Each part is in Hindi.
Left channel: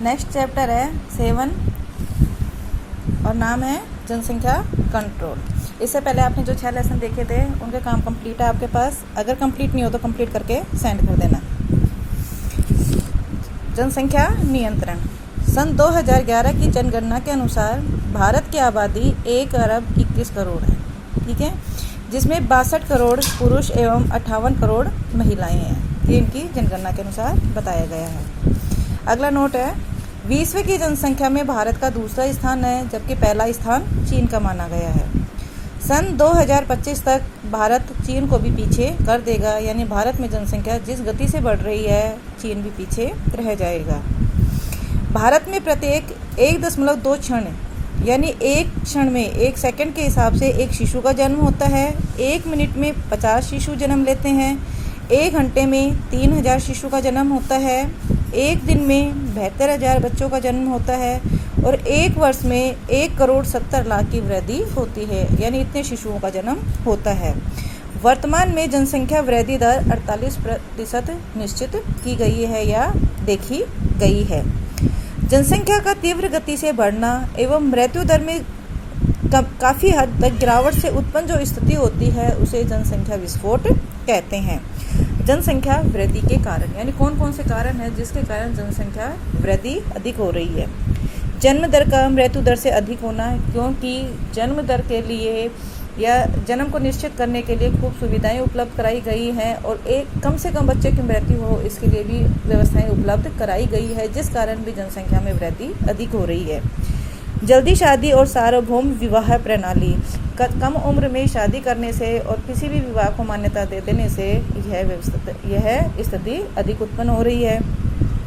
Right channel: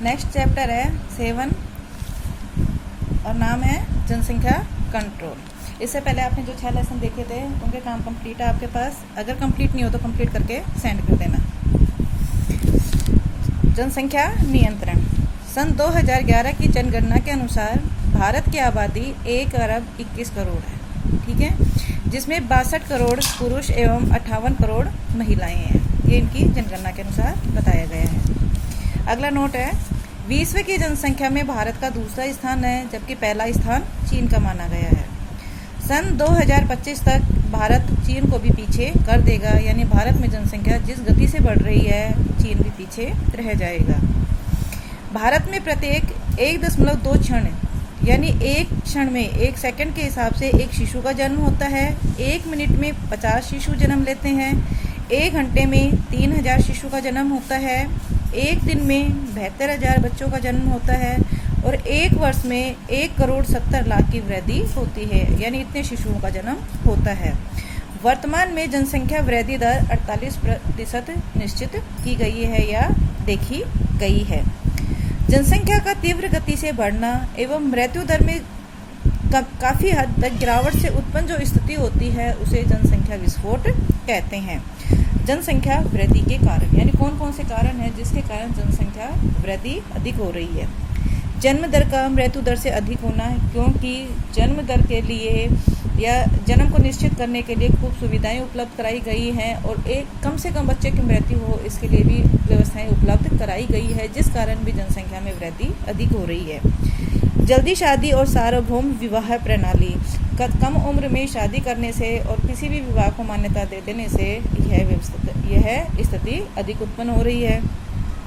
नेक्स्ट चैप्टर है 7 और नाम है जनसंख्या कंट्रोल। इससे पहले आपने जो 6 लेसन देखे थे उनके काम कंप्लीट है आपके पास। अगर कंप्लीट नहीं हो तो कंप्लीट करके सेंड कर देना। जनसंख्या नियंत्रण। सन 2011 की जनगणना के अनुसार भारत की आबादी 1 अरब 21 करोड़ है, ठीक है, जिसमें 62 करोड़ पुरुष एवं 58 करोड़ महिलाएं हैं। ये इनकी जनगणना के अनुसार बताया गया है। अगला नोट है, विश्व की जनसंख्या में भारत का दूसरा स्थान है, जबकि पहला स्थान चीन का माना गया है। सन 2025 तक भारत चीन को भी पीछे कर देगा, यानी भारत में जनसंख्या जिस गति से बढ़ रही है चीन भी पीछे रह जाएगा। भारत में प्रत्येक 1.2 क्षण यानी एक क्षण में 1 सेकंड के हिसाब से एक शिशु का जन्म होता है। 1 मिनट में 50 शिशु जन्म लेते हैं। 1 घंटे में 3000 शिशु का जन्म होता है। 1 दिन में 72,000 बच्चों का जन्म होता है और 1 वर्ष में 1,70,00,000 की वृद्धि होती है, यानी इतने शिशुओं का जन्म होता है। वर्तमान में जनसंख्या वृद्धि दर 48% निश्चित की गई है या देखी गई है। जनसंख्या का तीव्र गति से बढ़ना एवं मृत्यु दर में काफी हद तक गिरावट से उत्पन्न जो स्थिति होती है उसे जनसंख्या विस्फोट कहते हैं। जनसंख्या वृद्धि के कारण, यानी कौन कौन से कारण हैं जिसके कारण जनसंख्या वृद्धि अधिक हो रही है। जन्म दर का मृत्यु दर से अधिक होना, क्योंकि जन्म दर के लिए या जन्म को निश्चित करने के लिए खूब सुविधाएं उपलब्ध कराई गई हैं और एक कम से कम बच्चे की मृत्यु हो इसके लिए भी व्यवस्थाएं उपलब्ध कराई गई है, जिस कारण भी जनसंख्या में वृद्धि अधिक हो रही है। जल्दी शादी और सार्वभौम विवाह प्रणाली, कम उम्र में शादी करने से और किसी भी विवाह को मान्यता दे देने से यह स्थिति अधिक उत्पन्न हो रही है।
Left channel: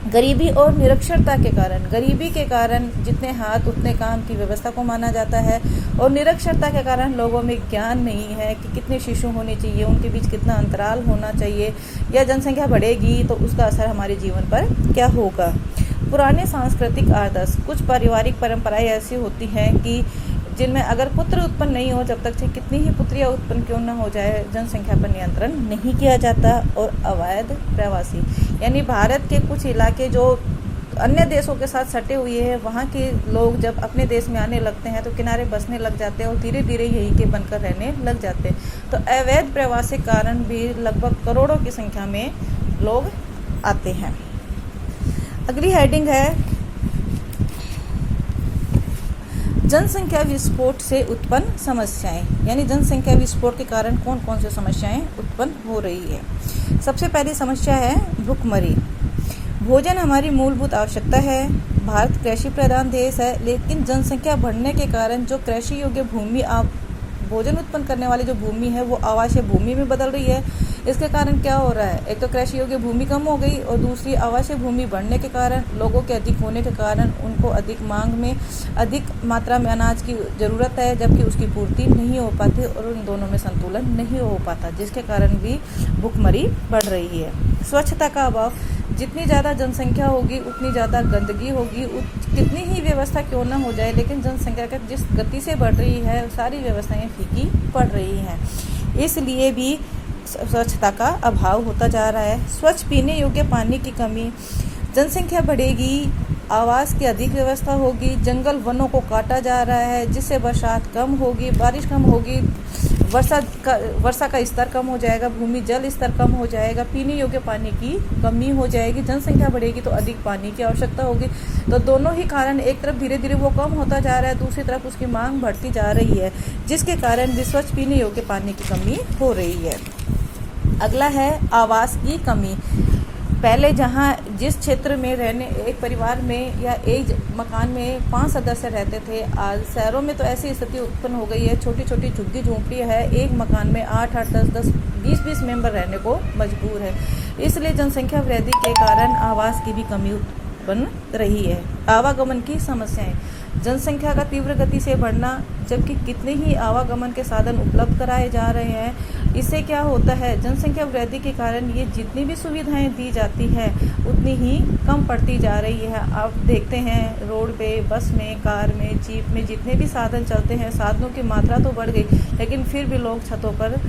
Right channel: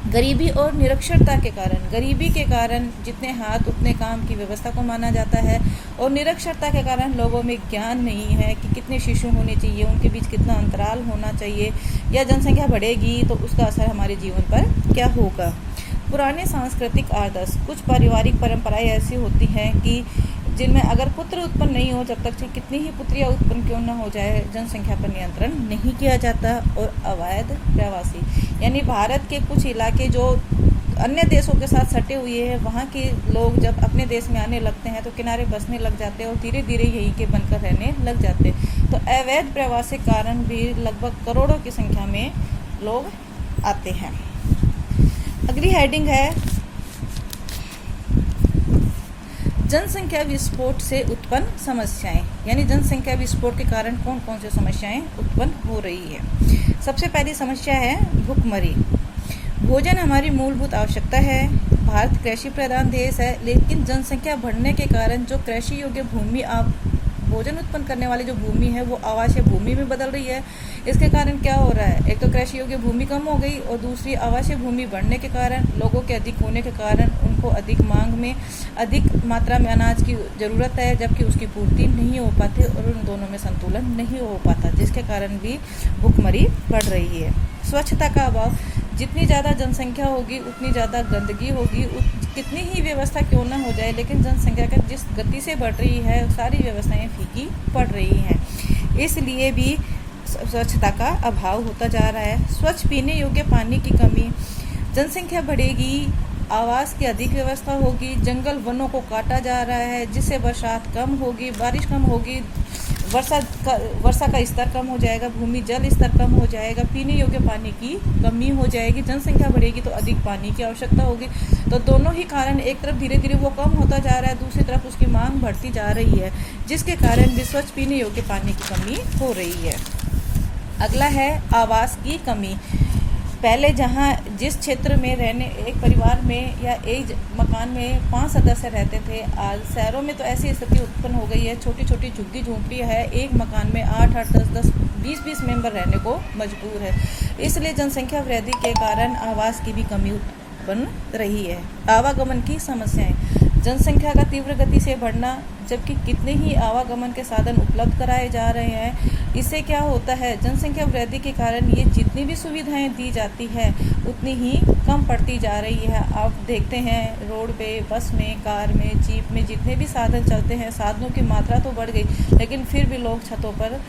गरीबी और निरक्षरता के कारण, गरीबी के कारण जितने हाथ उतने काम की व्यवस्था को माना जाता है और निरक्षरता के कारण लोगों में ज्ञान नहीं है कि कितने शिशु होने चाहिए, उनके बीच कितना अंतराल होना चाहिए, या जनसंख्या बढ़ेगी तो उसका असर हमारे जीवन पर क्या होगा। पुराने सांस्कृतिक आदर्श, कुछ पारिवारिक परंपराएं ऐसी होती हैं कि जिनमें अगर पुत्र उत्पन्न नहीं हो, जब तक चाहे कितनी ही पुत्रियां उत्पन्न क्यों न हो जाए, जनसंख्या पर नियंत्रण नहीं किया जाता। और अवैध प्रवासी, यानी भारत के कुछ इलाके जो अन्य देशों के साथ सटे हुए हैं, वहाँ के लोग जब अपने देश में आने लगते हैं तो किनारे बसने लग जाते हैं और धीरे धीरे यहीं के बनकर रहने लग जाते हैं। तो अवैध प्रवासी के कारण भी लगभग करोड़ों की संख्या में लोग आते हैं। अगली हेडिंग है जनसंख्या विस्फोट से उत्पन्न समस्याएं, यानी जनसंख्या विस्फोट के कारण कौन कौन सी समस्याएं उत्पन्न हो रही है। सबसे पहली समस्या है भुखमरी। भोजन हमारी मूलभूत आवश्यकता है। भारत कृषि प्रधान देश है, लेकिन जनसंख्या बढ़ने के कारण जो कृषि योग्य भूमि भोजन उत्पन्न करने वाली जो भूमि है वो आवासीय भूमि में बदल रही है। इसके कारण क्या हो रहा है, एक तो कृषि योग्य भूमि कम हो गई और दूसरी आवासीय भूमि बढ़ने के कारण, लोगों के अधिक होने के कारण उनको अधिक मांग में अधिक मात्रा में अनाज की जरूरत है, जबकि उसकी पूर्ति नहीं हो पाती और उन दोनों में संतुलन नहीं हो पाता, जिसके कारण भी भुखमरी बढ़ रही है। स्वच्छता का अभाव, जितनी ज़्यादा जनसंख्या होगी उतनी ज़्यादा गंदगी होगी, कितनी ही व्यवस्था क्यों ना हो जाए, लेकिन जनसंख्या का जिस गति से बढ़ रही है सारी व्यवस्थाएं फीकी पड़ रही हैं, इसलिए भी स्वच्छता का अभाव होता जा रहा है। स्वच्छ पीने योग्य पानी की कमी, जनसंख्या बढ़ेगी, आवास की अधिक व्यवस्था होगी, जंगल वनों को काटा जा रहा है जिससे बरसात कम होगी, बारिश कम होगी, वर्षा का स्तर कम हो जाएगा, भूमि जल स्तर कम हो जाएगा, पीने योग्य पानी की कमी हो जाएगी। जनसंख्या बढ़ेगी तो अधिक पानी की आवश्यकता होगी। तो दोनों ही कारण, एक तरफ धीरे धीरे वो कम होता जा रहा है, दूसरी तरफ उसकी मांग बढ़ती जा रही है, जिसके कारण भी स्वच्छ पीने योग्य पानी की कमी हो रही है। अगला है आवास की कमी। पहले जिस क्षेत्र में रहने, एक परिवार में या एक मकान में 5 सदस्य रहते थे, आज शहरों में तो ऐसी स्थिति उत्पन्न हो गई है, छोटी छोटी झुग्गी झोंपड़ी है, एक मकान में 8-8, 10-10, 20-20 मेंबर रहने को मजबूर है। इसलिए जनसंख्या वृद्धि के कारण आवास की भी कमी उत्पन्न रही है। आवागमन की समस्याएं, जनसंख्या का तीव्र गति से बढ़ना, जबकि कितने ही आवागमन के साधन उपलब्ध कराए जा रहे हैं। इससे क्या होता है, जनसंख्या वृद्धि के कारण ये जितनी भी सुविधाएं दी जाती है उतनी ही कम पड़ती जा रही है। आप देखते हैं रोड पे, बस में, कार में, जीप में जितने भी साधन चलते हैं, साधनों की मात्रा तो बढ़ गई, लेकिन फिर भी लोग छतों पर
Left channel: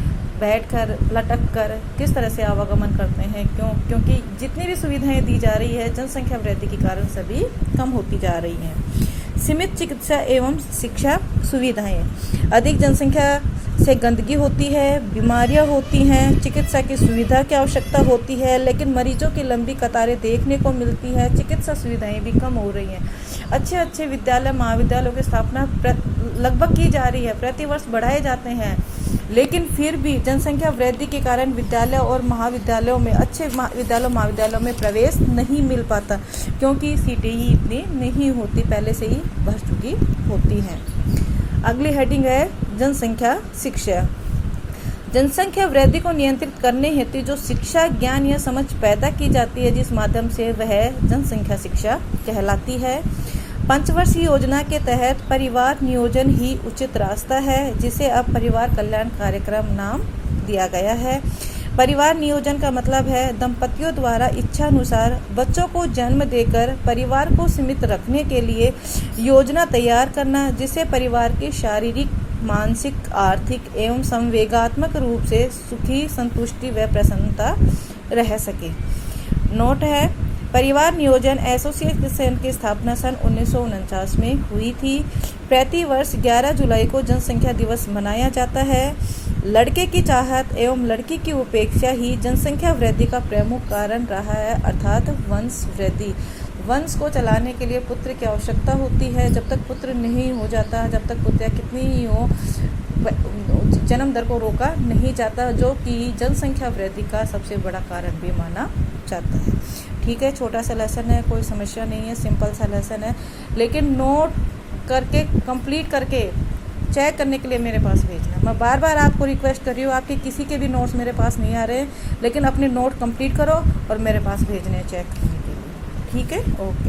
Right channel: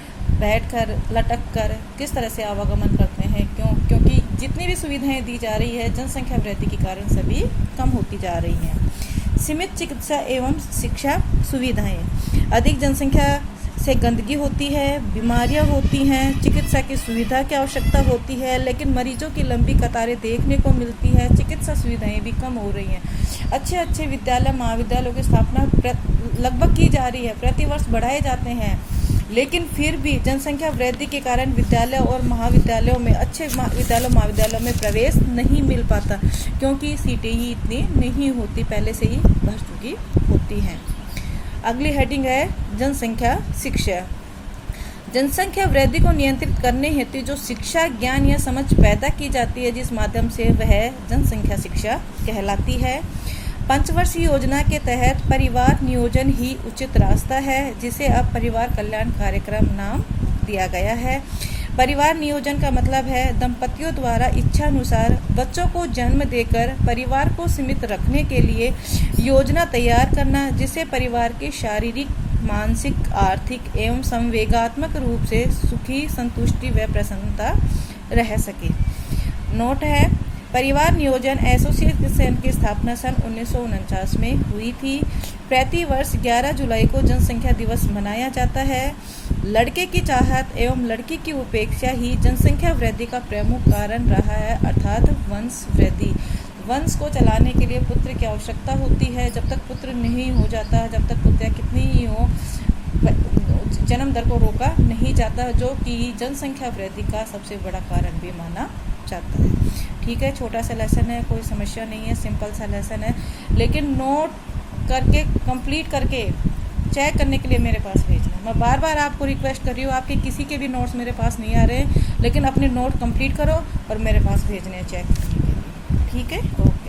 बैठकर, लटक कर किस तरह से आवागमन करते हैं, क्योंकि जितनी भी सुविधाएं दी जा रही है जनसंख्या वृद्धि के कारण सभी कम होती जा रही हैं। सीमित चिकित्सा एवं शिक्षा सुविधाएं, अधिक जनसंख्या से गंदगी होती है, बीमारियां होती हैं, चिकित्सा की सुविधा की आवश्यकता होती है, लेकिन मरीजों की लंबी कतारें देखने को मिलती है, चिकित्सा सुविधाएं भी कम हो रही हैं। अच्छे विद्यालय महाविद्यालयों की स्थापना लगभग की जा रही है, प्रतिवर्ष बढ़ाए जाते हैं, लेकिन फिर भी जनसंख्या वृद्धि के कारण विद्यालय और महाविद्यालयों में, अच्छे विद्यालयों महाविद्यालयों में प्रवेश नहीं मिल पाता, क्योंकि सीटें ही इतनी नहीं होती, पहले से ही भर चुकी होती हैं। अगली हेडिंग है जनसंख्या शिक्षा। जनसंख्या वृद्धि को नियंत्रित करने हेतु जो शिक्षा, ज्ञान या समझ पैदा की जाती है, जिस माध्यम से वह जनसंख्या शिक्षा कहलाती है। पंचवर्षीय योजना के तहत परिवार नियोजन ही उचित रास्ता है, जिसे अब परिवार कल्याण कार्यक्रम नाम दिया गया है। परिवार नियोजन का मतलब है दंपतियों द्वारा इच्छानुसार बच्चों को जन्म देकर परिवार को सीमित रखने के लिए योजना तैयार करना, जिससे परिवार की शारीरिक, मानसिक, आर्थिक एवं संवेगात्मक रूप से सुखी, संतुष्टि व प्रसन्नता रह सके। नोट है, परिवार नियोजन एसोसिएशन की स्थापना सन 1949 में हुई थी। प्रति वर्ष 11 जुलाई को जनसंख्या दिवस मनाया जाता है। लड़के की चाहत एवं लड़की की उपेक्षा ही जनसंख्या वृद्धि का प्रमुख कारण रहा है, अर्थात वंश वृद्धि। वंश को चलाने के लिए पुत्र की आवश्यकता होती है। जब तक पुत्र नहीं हो जाता, जब तक पुत्र कितनी ही हो, जन्म दर को रोका नहीं जाता, जो कि जनसंख्या वृद्धि का सबसे बड़ा कारण भी माना जाता है। ठीक है, छोटा सा लेसन है, कोई समस्या नहीं है, सिंपल सा लेसन है, लेकिन नोट करके, कंप्लीट करके चेक करने के लिए मेरे पास भेजना। मैं बार बार आपको रिक्वेस्ट कर रही हूँ, आपके किसी के भी नोट्स मेरे पास नहीं आ रहे हैं, लेकिन अपने नोट कंप्लीट करो और मेरे पास भेजने चेक करने के लिए। ठीक है, ओके।